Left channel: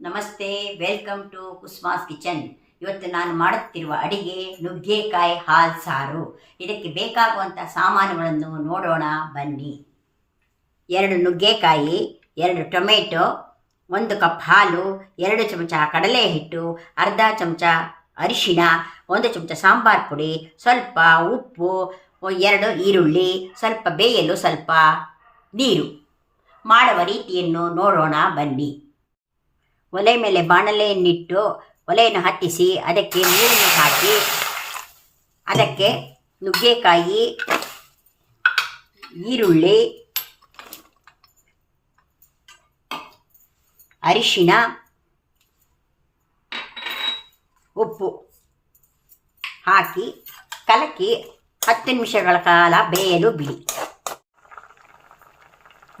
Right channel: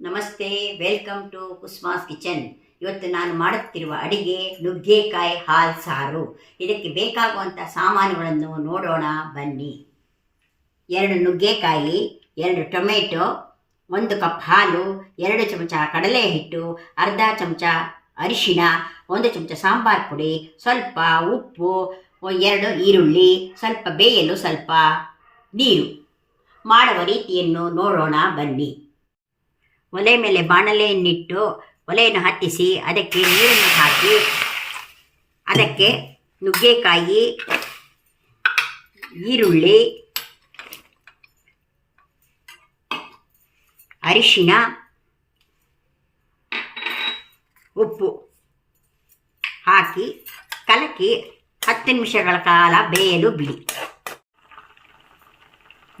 ನಮಸ್ತೆ, welcome to ಕುಸ್ಮಾಸ್ kitchen. ಇವತ್ತು ನಾನು ಮಾಡುತ್ತಿರುವ ಅಡಿಗೆ ನುಗ್ಗೆಕಾಯಿ ಹಾಲು ಸಾರು. ಇದಕ್ಕೆ ಬೇಕಾಗುವಂಥ ಸಾಮಾನುಗಳನ್ನು ನೋಡೋಣ ಬನ್ನಿ. 2 ನುಗ್ಗೆಕಾಯಿ, 2 ಟೊಮೆಟೊ, 1 ಕಪ್ ಹಾಲು, 2 ಚಮಚ ಕಡಲೆ ಹಿಟ್ಟು, ಅರ್ಧ ಚಮಚ ಅರಿಶಿಣ, 1 ಚಮಚ ಸಾಂಬಾರು ಪುಡಿ, ಸ್ವಲ್ಪ ಉಪ್ಪು, 2 ಈರುಳ್ಳಿ, ಸ್ವಲ್ಪ ಬೇಯಲು ಸ್ವಲ್ಪ ನೀರು. ಮಾಡುವ ರೀತಿಯನ್ನು ನೋಡೋಣ ಬನ್ನಿ. ಒಲೆ ಮೇಲೆ ಬಾಣಲೆಯನ್ನಿಟ್ಟು ಒಲೆಯನ್ನು ಹತ್ತಿಸಿ ಅದಕ್ಕೆ ನೀರನ್ನು ಹಾಕಿ ಅದಕ್ಕೆ ನುಗ್ಗೆಕಾಯಿ, ಈರುಳ್ಳಿ, ಅರಿಶಿಣ, ಉಪ್ಪು ಹಾಕಿ ಕಲಕಿ 10 ನಿಮಿಷಗಳ ಕಾಲ ಬೇಯಲು ಬಿಡಿ.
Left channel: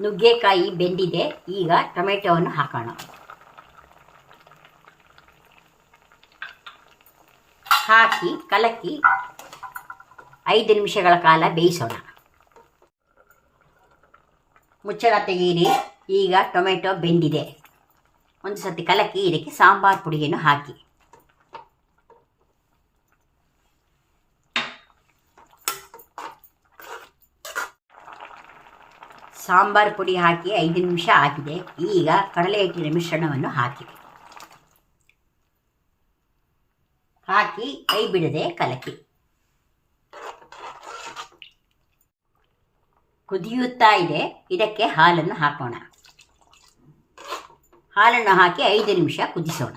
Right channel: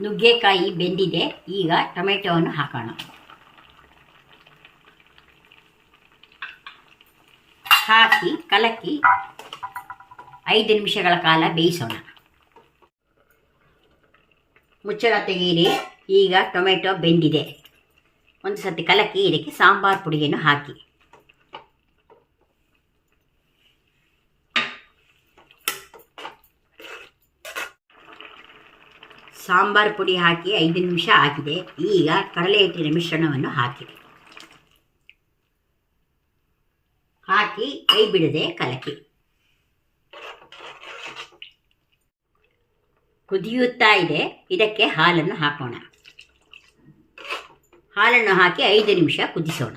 ನುಗ್ಗೆಕಾಯಿ ಬೆಂದಿದೆ. ಈಗ ಟೊಮೆಟೊವನ್ನು ಹಾಕೋಣ. ಹಾಕಿ ಕಲಕಿ 5 ನಿಮಿಷಗಳ ಕಾಲ ಬೇಯಿಸೋಣ. ಮುಚ್ಚಳ ತೆಗೀರಿ. ಈಗ ಟೊಮೆಟೊ ಬೆಂದಿದೆ. ಒಂದು ಸತಿ ಕಲಕಿ ಇದಕ್ಕೆ ಸಾಂಬಾರು ಪುಡಿಯನ್ನು ಹಾಕಿ ಸಾಂಬಾರು ಪುಡಿ ಹಾಕಿ 5 ನಿಮಿಷ ಆಗಿದೆ. ಈಗ ಕಡಲೆ ಹಿಟ್ಟಿನ ಮಿಶ್ರಣವನ್ನು ಹಾಕಿ ಕೈ ಬಿಡದೆ ಕಲಕಿ. ಕುದಿಯುತ್ತಾ ಇದೆ. ಇದಕ್ಕೆ ಹಾಲನ್ನು ಹಾಕೋಣ. ಹಾಲನ್ನು ಹಾಕಿ 5 ನಿಮಿಷ ಕುದಿಸೋಣ.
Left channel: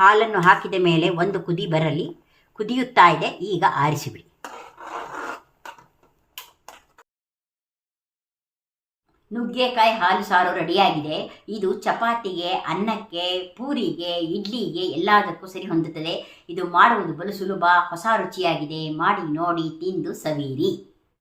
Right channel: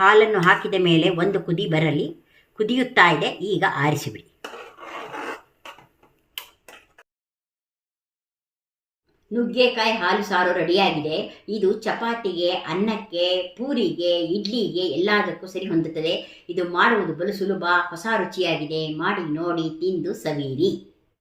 ಹಾಲನ್ನು ಹಾಕಿದ ಮೇಲೆ ಒಂದು ಕುದಿ ಬರಲಿ. ಕುದಿಯುತ್ತಾ ಇದೆ. ಈಗ ಆರಿಸಿಬಿಡಿ. ನುಗ್ಗೆಕಾಯಿ ಹಾಲು ಸಾರು ರೆಡಿಯಾಗಿದೆ. ಇದು ಚಪಾತಿಗೆ, ಅನ್ನಕ್ಕೆ, ಪೂರಿಗೆ, ಇಡ್ಲಿಗೆ ಎಲ್ಲದಕ್ಕೂ ಸರಿ ಹೊಂದುತ್ತದೆ. ಇದು ಮಾಡುವುದು ಬಲು ಸುಲಭ, ಹೊಸ ರುಚಿಯಾಗಿದೆ. ಮಾಡಿ ನೋಡಿ, ತಿಂದು ಸವಿಯಿರಿ.